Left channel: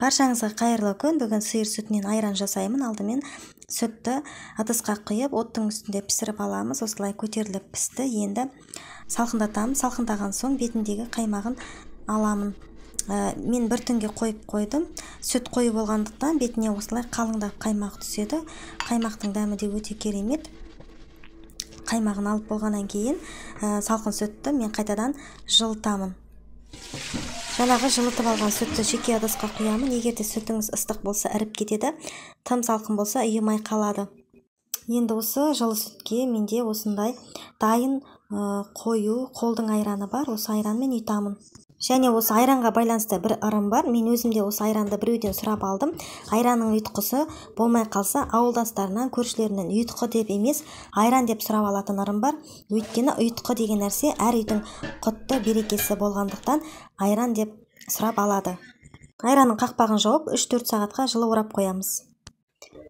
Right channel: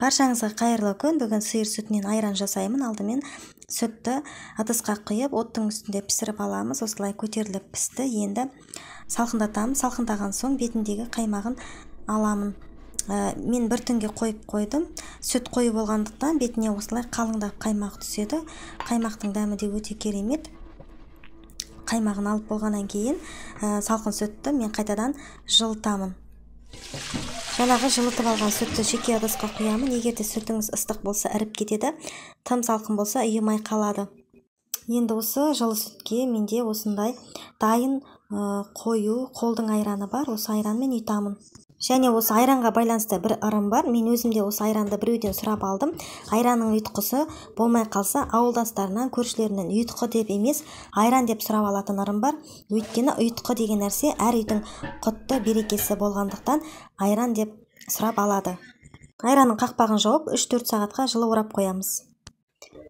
Баршаңызға қайырлы күн. Бүгін сиыр сүтінен айран жасаймын. Алдымен сүтті ыдысқа құйып, оттың үстінде пісіріп аламыз. Осылай көтеріліп пісті. Енді салқындатамын. Салқындаған соң бетіндегі қаймағын аламын. Мен бір түнге қойып қойдым. Сүт қою болғандықтан бетіне осылай қалыңдап қаймақ түседі. Қаймақтың дәмі де өте керемет. Қаймағын алып болғаннан кейін салқын сүтті мен қайтадан жылытамын. Жаңағы жылытып алған сүтті жеке ыдысқа құямын. Егер де сүтіңіз ыстық болса іріп кетеді, тым салқын болса ұйымай қалады. Енді осы жылы сүтке менде осындай дайын қою қолдың айраны бар. Осы айранмен ұйтамын. Және осы айранға байланысты бір ырым бар. Мен өзімде осы айранды біреуден сұрап алдым. Айранның ұйтқысы болмай қалса, ауылдастарынан, көршілерінен ұйтқы деп емес, айран деп сұрап алатын ырым бар. Өйткені ұйтқы деген нәрсе әр үйдің құтты берекесі болғандықтан айран деп сұрап алады. Айранның қақпағын жауып 3-4 сағатқа жылы орап қоямыз.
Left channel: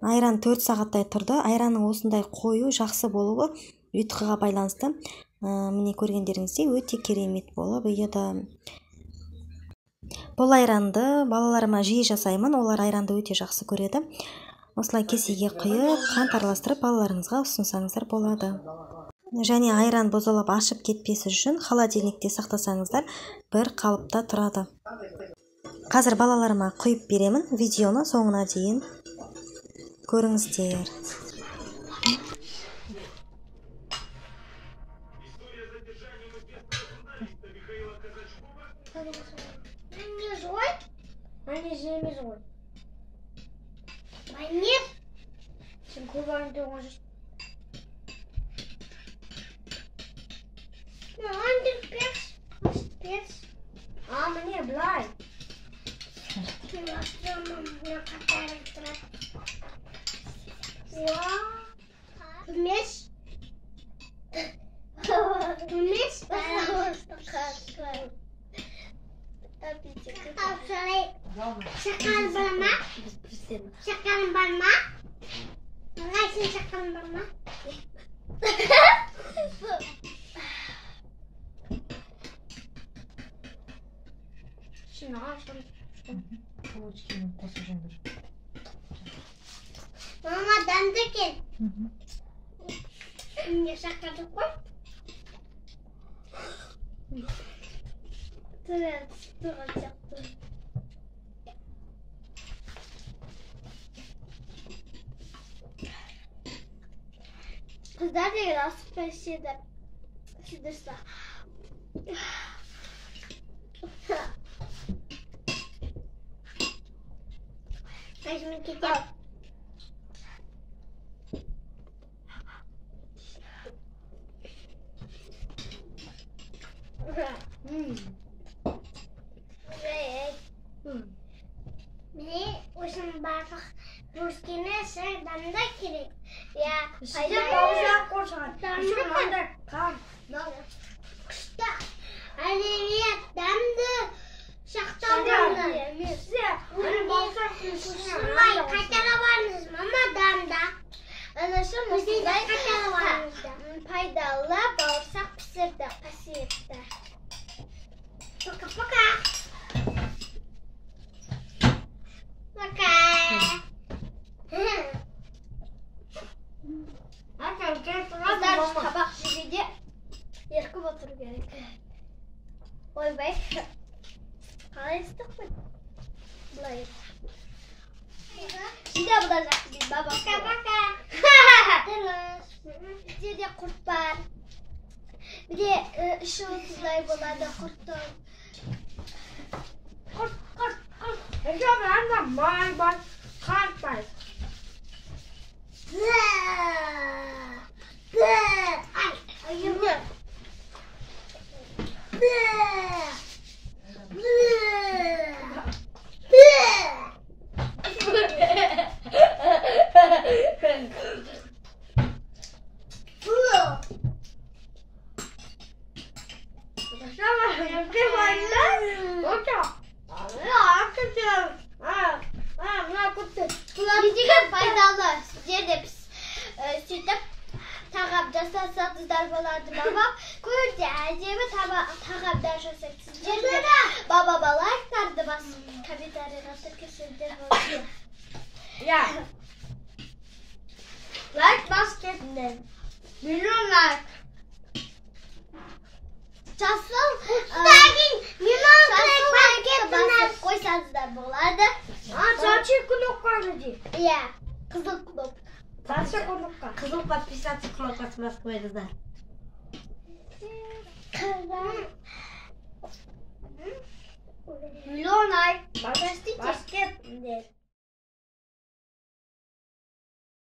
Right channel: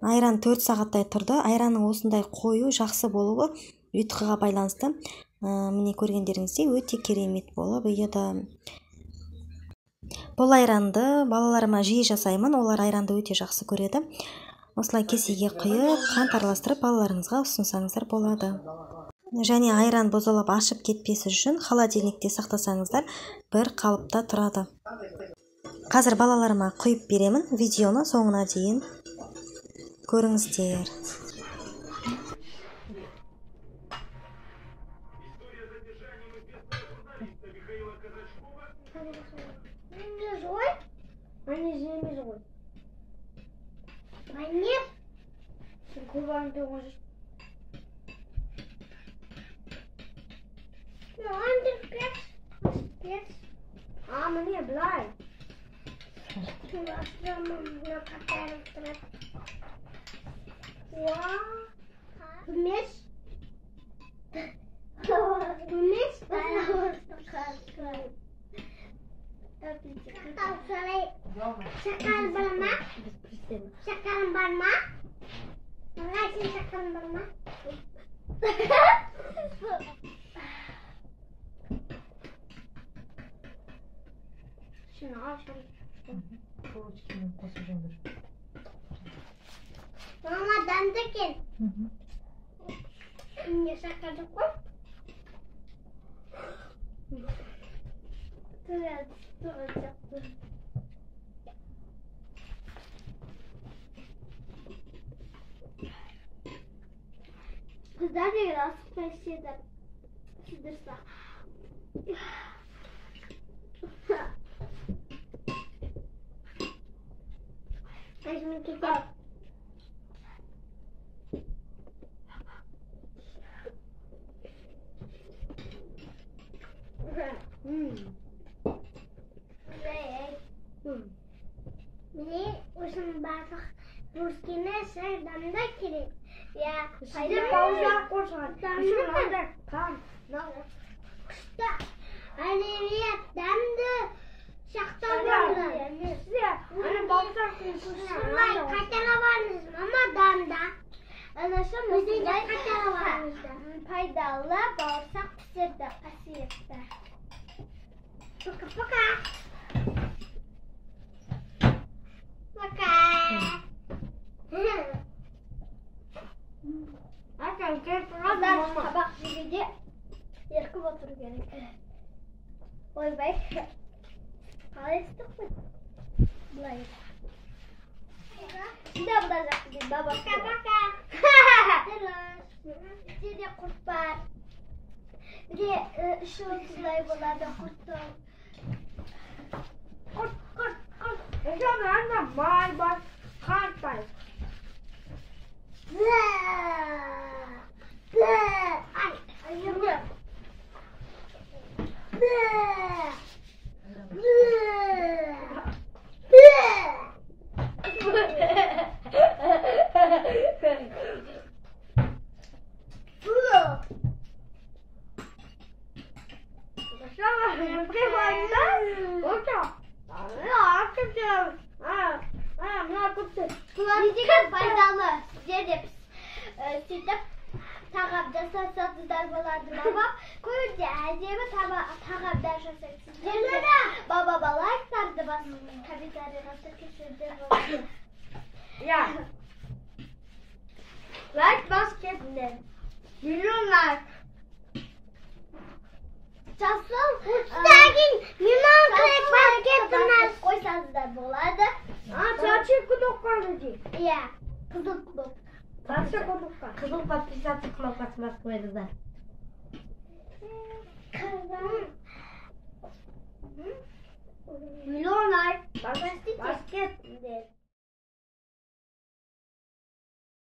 Айран 4 сағаттай тұрды. Айранның осындай қою, жақсы болуы ұйтқыға байланысты. Міне көргендеріңізде өте керемет болып еді. Бұл айранды балаларыма жиі жасаймын. Олар айранды өте жақсы көреді. Осылай кесеге құйып, қант араластырып балаларыңызға ұсынсаңыздар болады. Және айран бұзылып ашып кетпесі үшін холодильникте сақтасаңыздар бір қалыпта тұрады. Қазір балаларыма құйып беремін. Видеоны соңына дейін көріңіздер. Не злой, а не злой. А нет, губами ты можешь. Ну, он спец. А мне блай. Ты на котором трап. Вместе. Şakalın barma. Şakalın barma. Neresi şakalın barma? Şunu al şunu. Kılıçkinin pasajındır. Mama dandıkın. Ne şakalı koy? Evet, olacaktı. Kızlar da biraz spesiyede sıdırsa. Ben şimdi gideceğim. Мне очень бафах русские сердамда кирик. Я Sizde pauza koşan. Şunu anda kan. Kışta aleviyat damdı şaktamda. Size hani baksarsınız. Sulay kaçara varınız ama damda. Bizde kaçara varınız. Faydalı bağırsak pısırdı asiyette. Paka paka. Paka. Kızlar tabak şişede yarkı batırı gerek. Oy bay. Kalestik mi? Bulayım. Şimdi bulacak bir baba. Paka paka. Bir de kurt var. Bir de ışıltılar bularda kurtlar. Kurt. Eşya beğenmem. May bay. Kart bay. Ay, ayırdı. Kullanıcıya faydalı. Size de sütüp tağap jasasatızlar bolardı baba. Koyurdu acemi tağap jasasatızlar. Baba balarlardı bas kapitarına sıkışırdı bolardı. Ya. Like basketball. Milyon like. Çasıl Yunan basket koysanızlar bolardı. Saçı kuluklarıcı. Ya kızıl kulak. Saçı kuluklar. Kızıl pat pisat çıkmak atmaz koydu da.